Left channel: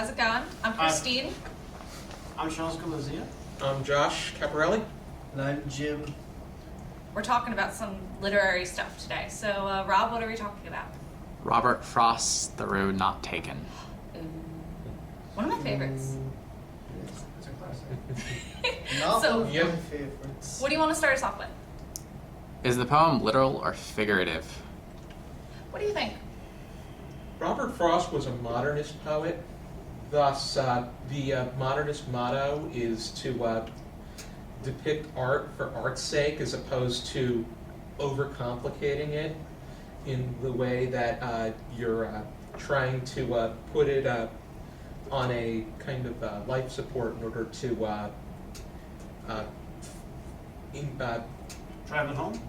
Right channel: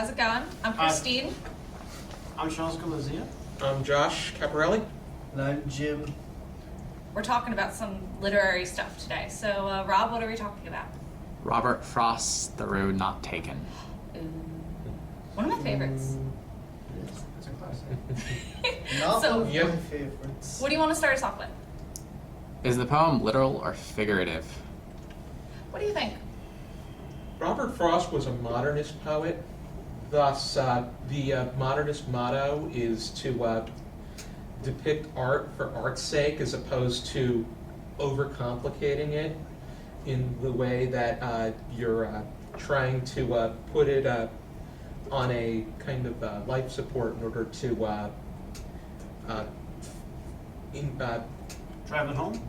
how's it going? I'm Christine. I'm Charles Galizia. I'm Josh Caparelli. And I'm Jim. We're talking about some literary stuff today. So, Rob, what are we talking about? Robert Frost's The Road Not Taken. One of my favorites. It's a classic. Not So- one of Yep. my favorites. What do you want to start us off with? Is the poem literal or figurative? What do you think? Robert Frost was a modernist poet. Thus, the modernist motto is to depict art for art's sake as opposed to overcomplicating it in the way that you're trying to put it on a kind of life support in order to Drive it home?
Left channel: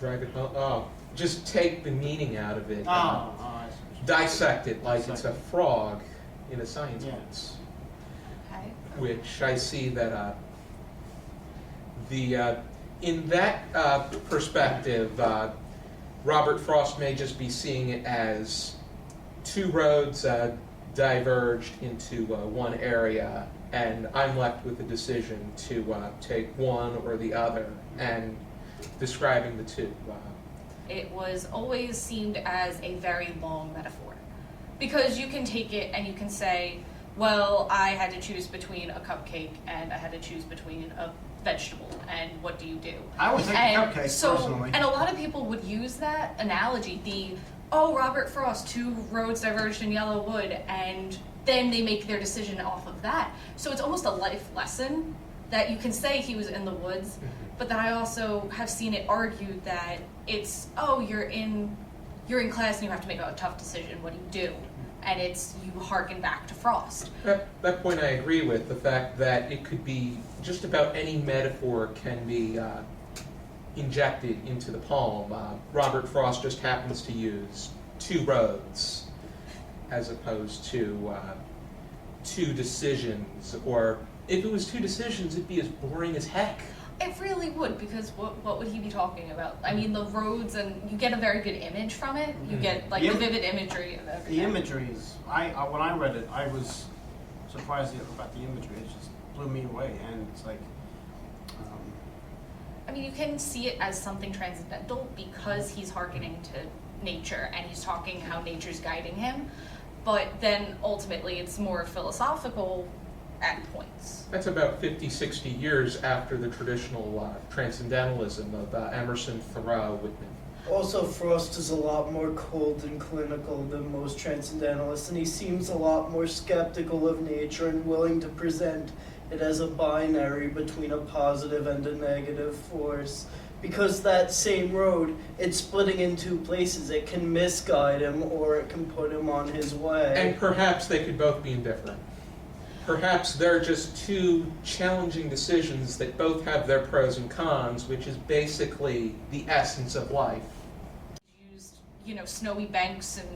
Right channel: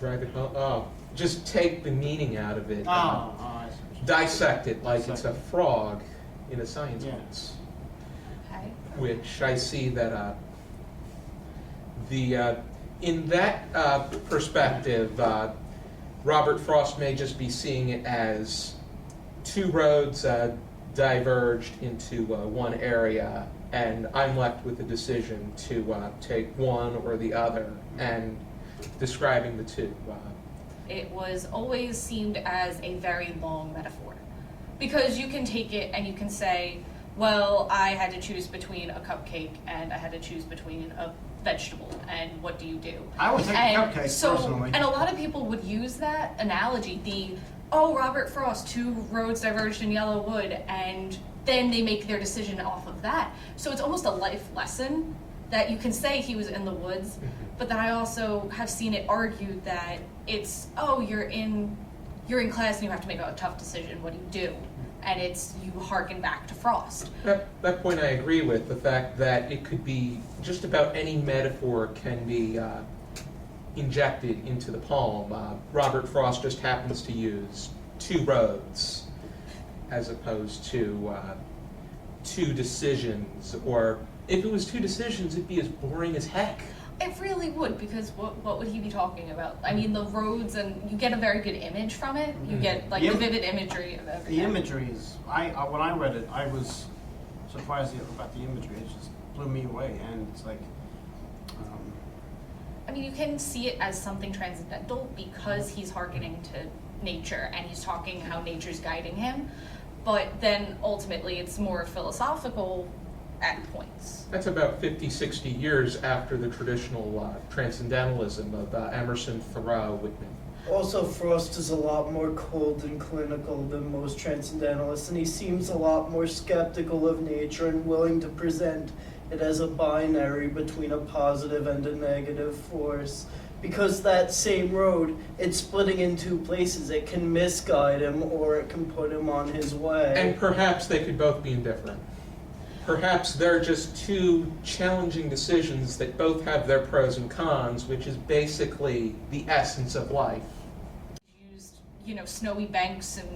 drag it home. Oh, just take the meaning out of it. I see. what you- Dissect it like it's a Dissect it. frog in a science Yeah. class. Okay. Which I see that in that perspective, Robert Frost may just be seeing it as two roads diverged into one area, and I'm left with the decision to take one or the other, and describing the two. It was always seemed as a very long metaphor. Because you can take it and you can say, well, I had to choose between a cupcake and I had to choose between a vegetable, and what do you do? I would take a cupcake, personally. And a lot of people would use that analogy, Robert Frost, two roads diverged in yellow wood, and then they make their decision off of that. So it's almost a life lesson that you can say he was in the woods, but then I also have seen it argued that it's, you're in class and you have to make a tough decision, what do you do? And it's, you harken back to Frost. That point I agree with, the fact that it could be just about any metaphor can be injected into the poem. Robert Frost just happens to use two roads as opposed to two decisions, or if it was two decisions, it'd be as boring as heck. It really would, because what would he be talking about? I mean, the roads, and you get a very good image from it. You get like the vivid imagery of everything. The imagery is, when I read it, I was surprised about the imagery. It just blew me away, and it's like, I mean, you can see it as something transcendental because he's hearkening to nature and he's talking how nature's guiding him. But then ultimately it's more philosophical at points. That's about 50, 60 years after the traditional transcendentalism of Emerson, Thoreau, Whitman. Also, Frost is a lot more cold and clinical than most transcendentalists, and he seems a lot more skeptical of nature and willing to present it as a binary between a positive and a negative force. Because that same road, it's splitting in two places. It can misguide him or it can put him on his way. And perhaps they could both be indifferent. Perhaps they're just two challenging decisions that both have their pros and cons, which is basically the essence of life. Used, snowy banks and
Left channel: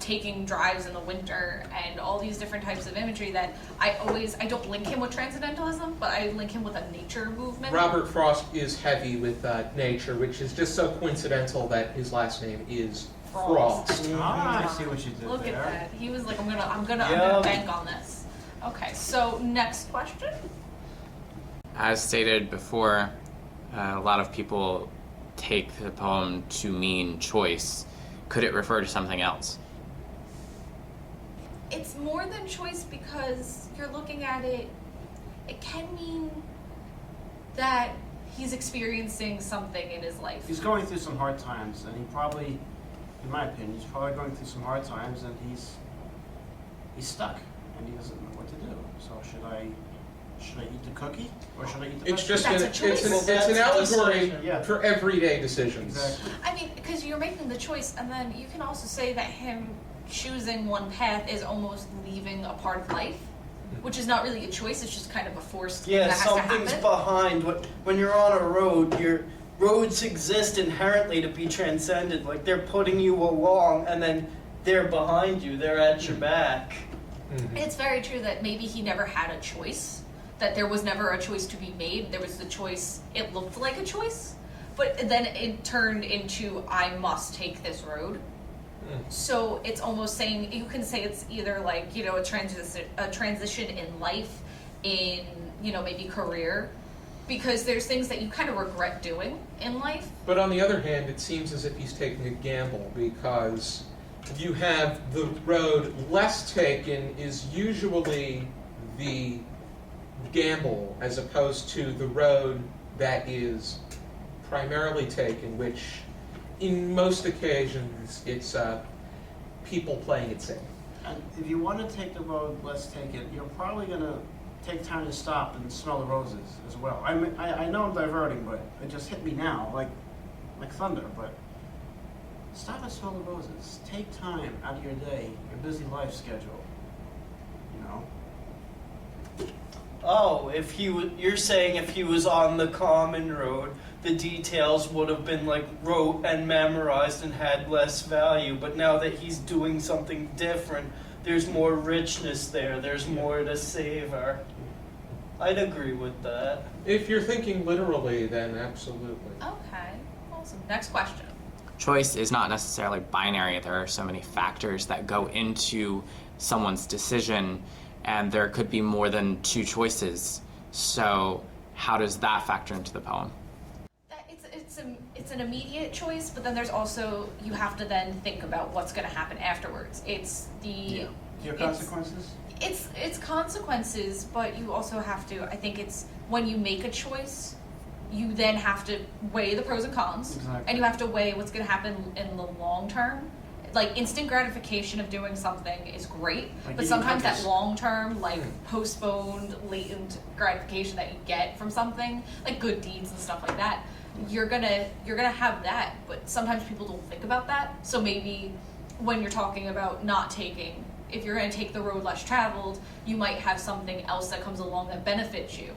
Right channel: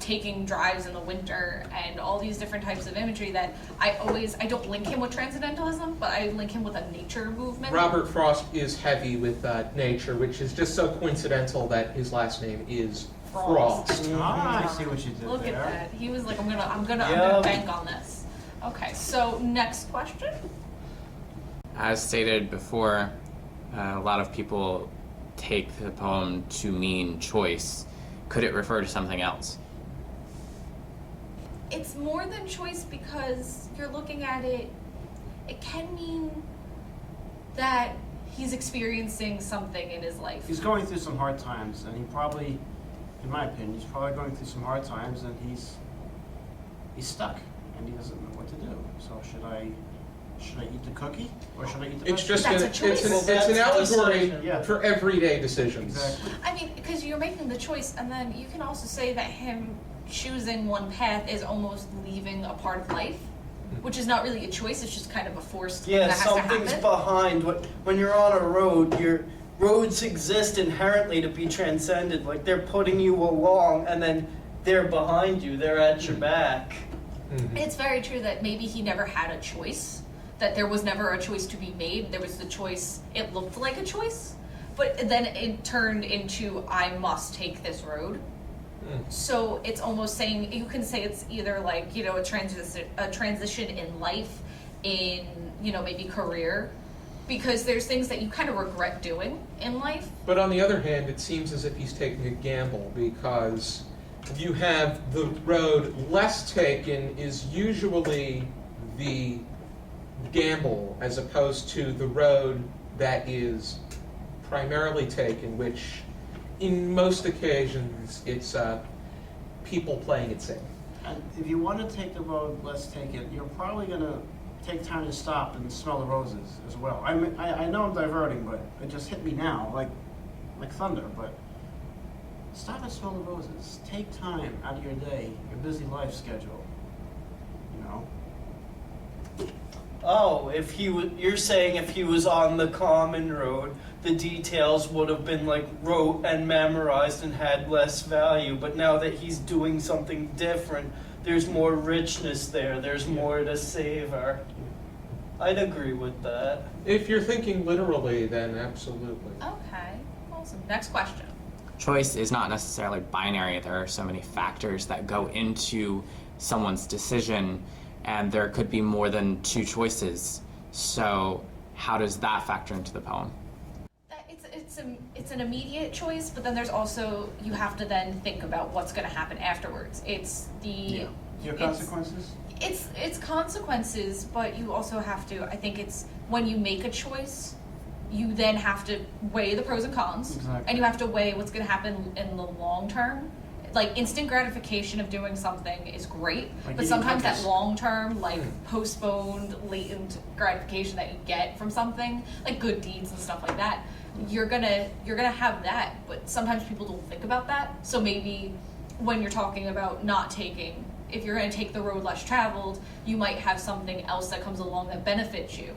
taking drives in the winter and all these different types of imagery that I don't link him with transcendentalism, but I link him with a nature movement. Robert Frost is heavy with nature, which is just so coincidental that his last name is Frost. I see what you did Look there. at that. He was like, I'm gonna bank on this. Okay, so next question. As stated before, a lot of people take the poem to mean choice. Could it refer to something else? It's more than choice because you're looking at it, it can mean that he's experiencing something in his life. He's going through some hard times, and he probably, in my opinion, he's probably going through some hard times, and he's stuck, and he doesn't know what to do. So should I eat the cookie, or should I eat the It's vegetable? just That's a choice. it's an allegory Yeah. for everyday decisions. Exactly. I mean, because you're making the choice, and then you can also say that him choosing one path is almost leaving a part of life, which is not really a choice, it's just kind of a forced thing Yeah, that has to something's happen. behind. When you're on a road, your roads exist inherently to be transcended. Like, they're putting you along, and then they're behind you. They're at your back. It's very true that maybe he never had a choice, that there was never a choice to be made. There was the choice, it looked like a choice, but then it turned into, I must take this road. So it's almost saying, you can say it's either like, you know, a transition in life, in, you know, maybe career, because there's things that you kind of regret doing in life. But on the other hand, it seems as if he's taking a gamble, because you have the road less taken is usually the gamble, as opposed to the road that is primarily taken, which in most occasions it's people playing it safe. And if you want to take the road less taken, you're probably going to take time to stop and smell the roses as well. I know I'm diverting, but it just hit me now, like thunder. But stop and smell the roses. Take time out of your day, your busy life schedule. You know. Oh, if he you're saying if he was on the common road, the details would have been like wrote and memorized and had less value. But now that he's doing something different, there's more richness there. There's more to savor. I'd agree with that. If you're thinking literally, then absolutely. Okay, awesome. Next question. Choice is not necessarily binary. There are so many factors that go into someone's decision, and there could be more than two choices. So how does that factor into the poem? It's an immediate choice, but then there's also, you have to then think about what's going to happen afterwards. It's the Your consequences? It's consequences, but you also have to, I think it's when you make a choice, you then have to weigh the pros and cons. Exactly. And you have to weigh what's going to happen in the long term. Like, instant gratification of doing something is great, Like but eating sometimes cookies. that long term, like postponed, latent gratification that you get from something, like good deeds and stuff like that, you're gonna have that. But sometimes people don't think about that. So maybe when you're talking about not taking, if you're going to take the road less traveled, you might have something else that comes along that benefits you.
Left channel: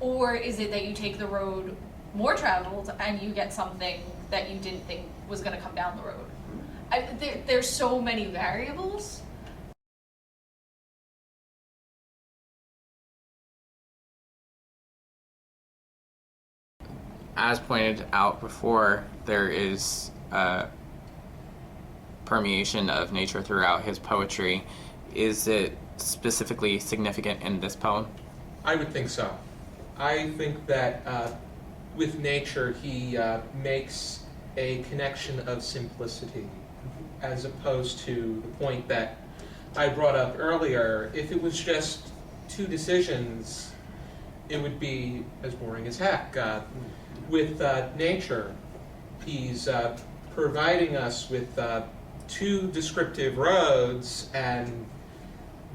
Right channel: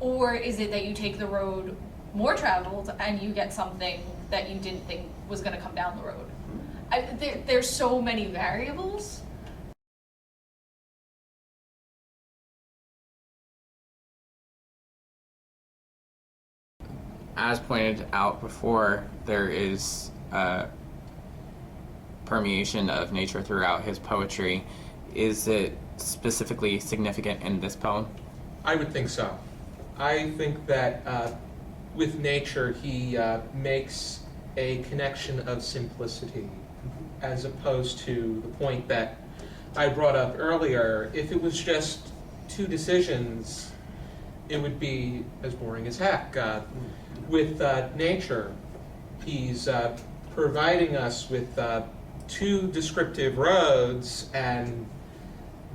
Or is it that you take the road more traveled and you get something that you didn't think was going to come down the road? There's so many variables. As pointed out before, there is permeation of nature throughout his poetry. Is it specifically significant in this poem? I would think so. I think that with nature he makes a connection of simplicity, as opposed to the point that I brought up earlier. If it was just two decisions, it would be as boring as heck. With nature, he's providing us with two descriptive roads, and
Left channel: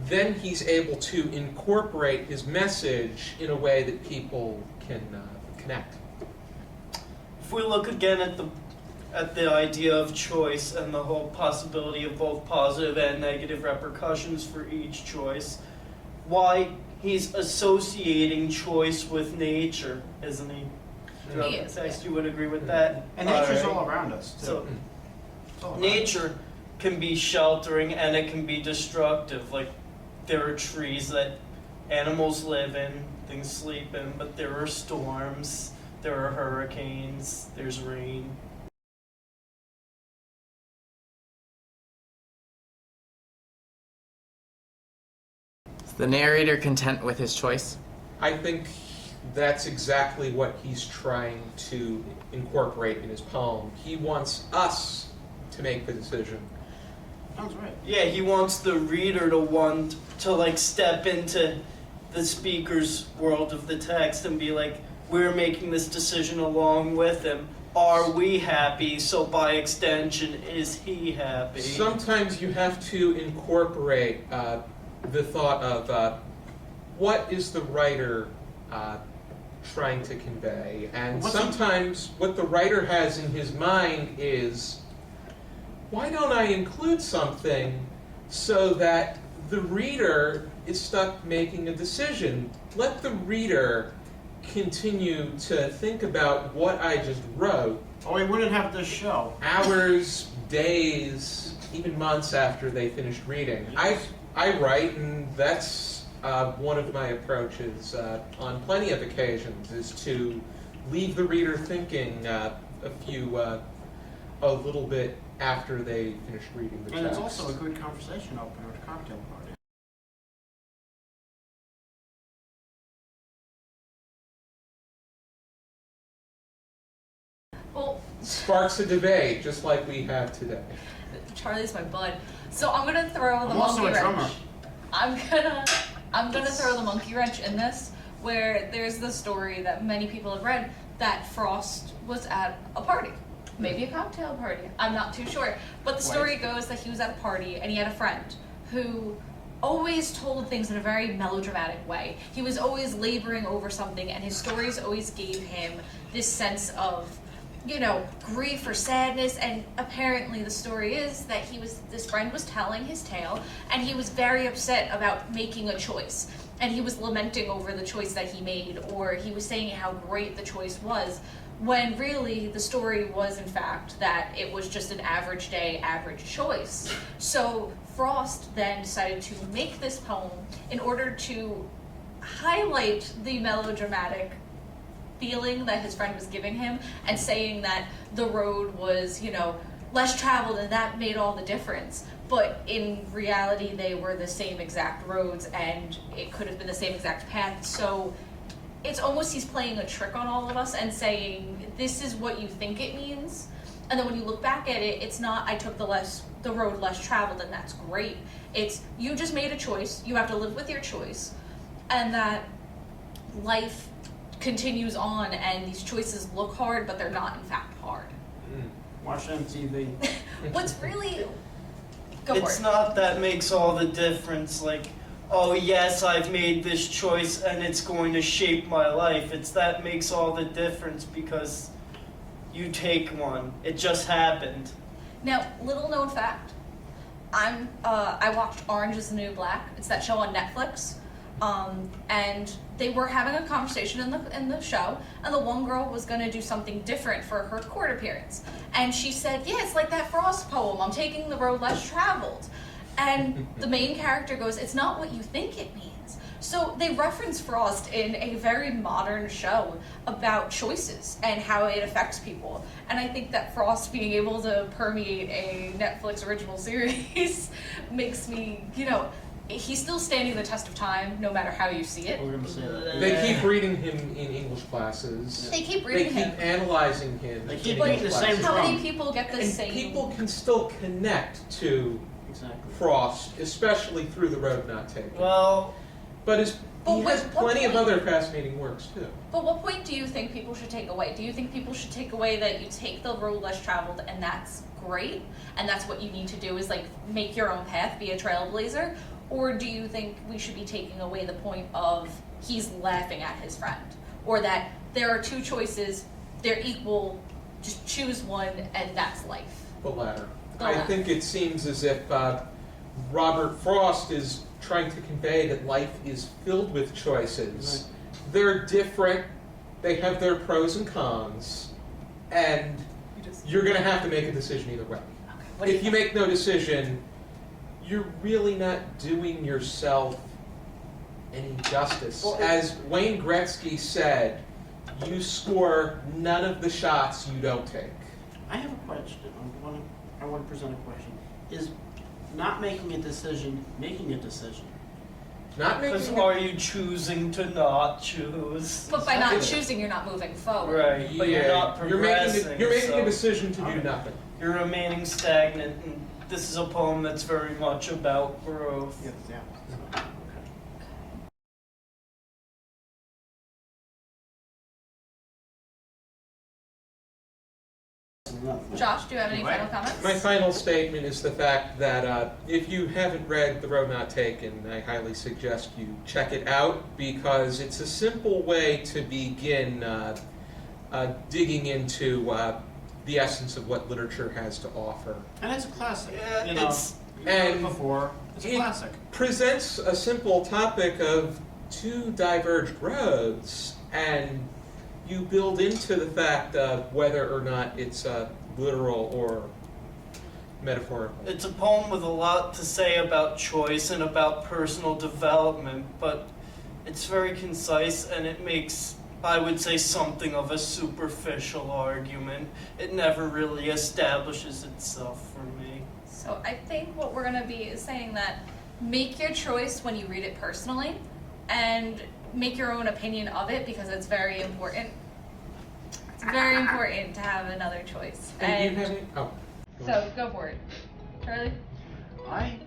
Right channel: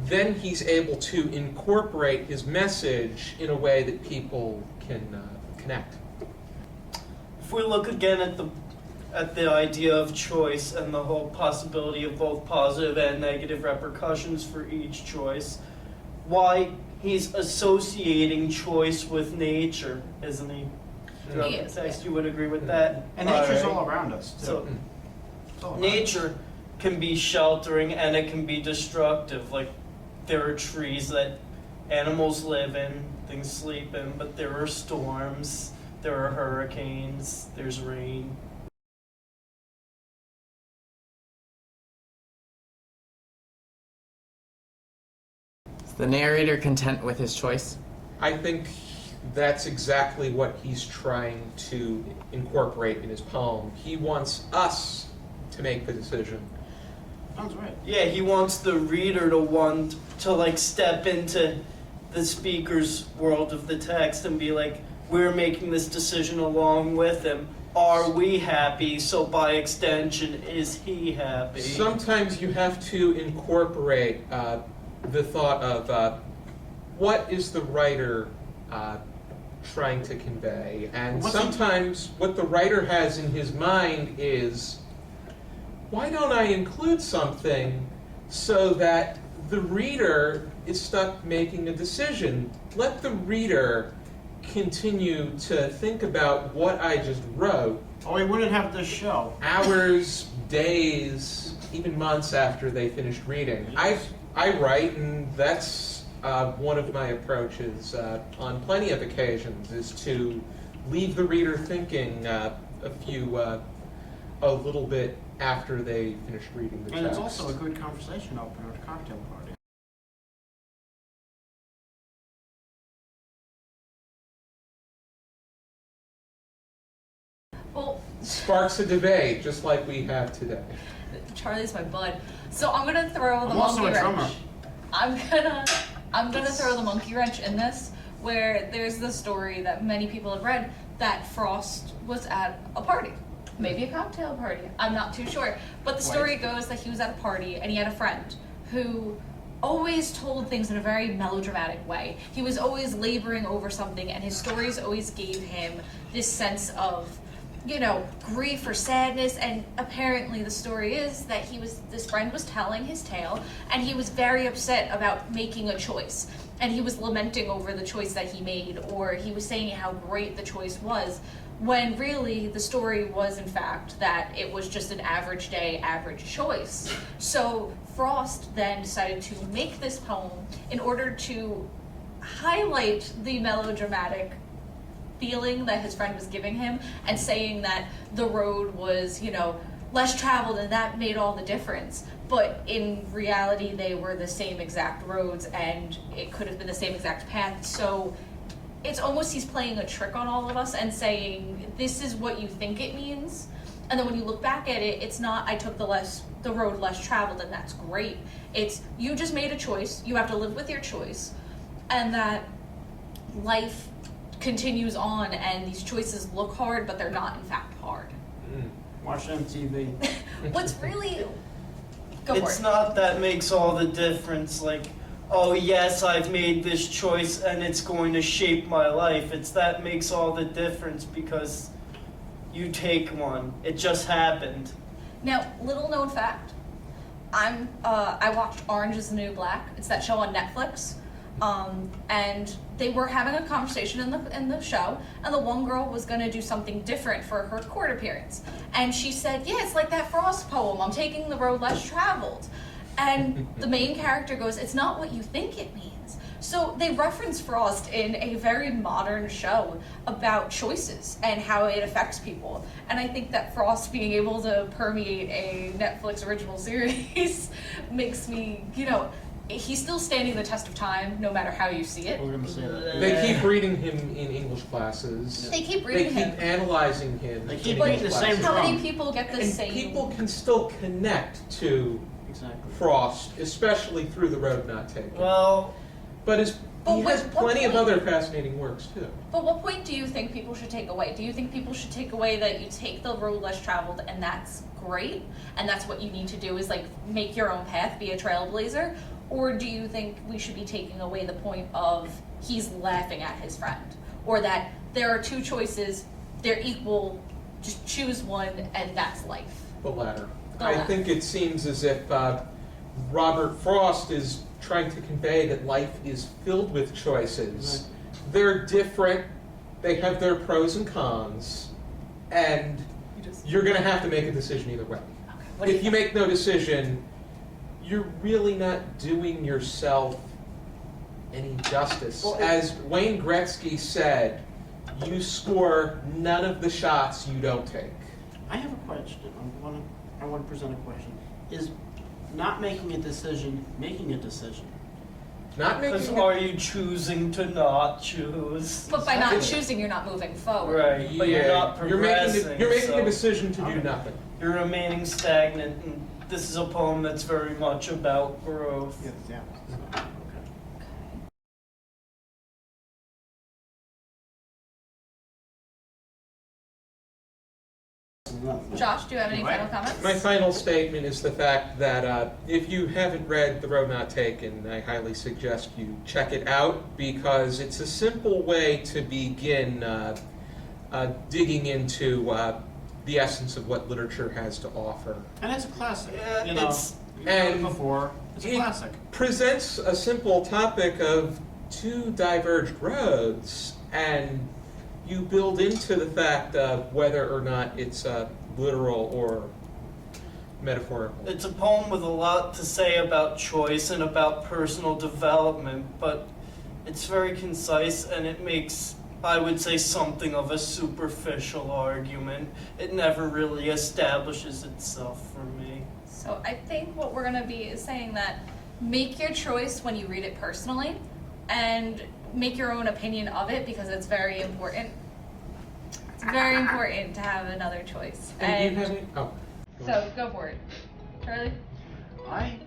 then he's able to incorporate his message in a way that people can connect. If we look again at the idea of choice and the whole possibility of both positive and negative repercussions for each choice, why he's associating choice with nature, isn't he? Throughout He the is, text, yeah. you would agree with that? And nature's Alright. all around us, too. So It's all around nature can be sheltering and it can be destructive. Like, there are trees that animals live in, things sleep in, but there are storms, there are hurricanes, there's rain. Is the narrator content with his choice? I think that's exactly what he's trying to incorporate in his poem. He wants us to make the decision. Sounds right. Yeah, he wants the reader to want to like step into the speaker's world of the text and be like, we're making this decision along with him. Are we happy? So by extension, is he happy? Sometimes you have to incorporate the thought of what is the writer trying to convey, and sometimes what the writer has in his mind is, why don't I include something so that the reader is stuck making a decision? Let the reader continue to think about what I just wrote. Or we wouldn't have this show. Hours, days, even months after they finished reading. I write, and that's one of my approaches on plenty of occasions, is to leave the reader thinking a little bit after they finished reading the text. And it's also a good conversation opener at a cocktail party. Well, Sparks a debate, just like we have today. Charlie's my bud. So I'm gonna throw the I'm also monkey a drummer. wrench. I'm gonna throw the monkey wrench in this, where there's the story that many people have read that Frost was at a party. Maybe a cocktail party. I'm not too sure. But the story goes that he was at a party and he had a friend who always told things in a very melodramatic way. He was always laboring over something, and his stories always gave him this sense of, you know, grief or sadness. And apparently the story is that this friend was telling his tale, and he was very upset about making a choice. And he was lamenting over the choice that he made, or he was saying how great the choice was, when really the story was in fact that it was just an average day, average choice. So Frost then decided to make this poem in order to highlight the melodramatic feeling that his friend was giving him, and saying that the road was, you know, less traveled, and that made all the difference. But in reality, they were the same exact roads, and it could have been the same exact path. So it's almost he's playing a trick on all of us and saying, this is what you think it means. And then when you look back at it, it's not, I took the road less traveled, and that's great. It's, you just made a choice, you have to live with your choice, and that life continues on, and these choices look hard, but they're not in fact hard. Watch MTV. What's really... Go It's for it. not that makes all the difference, like, oh yes, I've made this choice and it's going to shape my life. It's that makes all the difference, because you take one. It just happened. Now, little known fact, I watched Orange is the New Black. It's that show on Netflix. And they were having a conversation in the show, and the one girl was gonna do something different for her court appearance. And she said, yeah, it's like that Frost poem, I'm taking the road less traveled. And the main character goes, it's not what you think it means. So they reference Frost in a very modern show about choices and how it affects people. And I think that Frost being able to permeate a Netflix original series makes me, you know, he's still standing the test of time, no matter how you see it. We're gonna say that. They keep reading him in English classes. They keep They reading keep him. analyzing him. They keep in reading English the same classes. How many drum. people get the And same? people can still connect to Exactly. Frost, especially through The Road Not Taken. Well, But he But has what plenty of point- other fascinating works too. But what point do you think people should take away? Do you think people should take away that you take the road less traveled and that's great, and that's what you need to do is like make your own path, be a trailblazer? Or do you think we should be taking away the point of he's laughing at his friend? Or that there are two choices, they're equal, just choose one, and that's life? The latter. The I latter. think it seems as if Robert Frost is trying to convey that life is filled with choices. They're different, they have their pros and cons, and you're going to have to make a decision either way. What do you If you make no decision, you're really not doing yourself any justice. Well, As Wayne Gretzky said, you score none of the shots you don't take. I have a question. I want to present a question. Is not making a decision making a decision? Not because making are you choosing to not choose? But by not Exactly. choosing, you're not moving forward. Right, but you're not you're progressing. making a so decision to do Okay. nothing. You're remaining stagnant, and this is a poem that's very much about growth. Yeah. Okay. Josh, do you have any Right. final comments? My final statement is the fact that if you haven't read The Road Not Taken, I highly suggest you check it out, because it's a simple way to begin digging into the essence of what literature has to offer. And it's a classic. Yeah, You know, it's- you've heard it and before. It's a it- classic. Presents a simple topic of two diverged roads, and you build into the fact of whether or not it's literal or metaphorical. It's a poem with a lot to say about choice and about personal development, but it's very concise, and it makes I would say something of a superficial argument. It never really establishes itself for me. So I think what we're gonna be is saying that make your choice when you read it personally, and make your own opinion of it, because it's very important. It's very important to have another choice. And do you have any? Oh. go So ahead. go for it, Charlie. I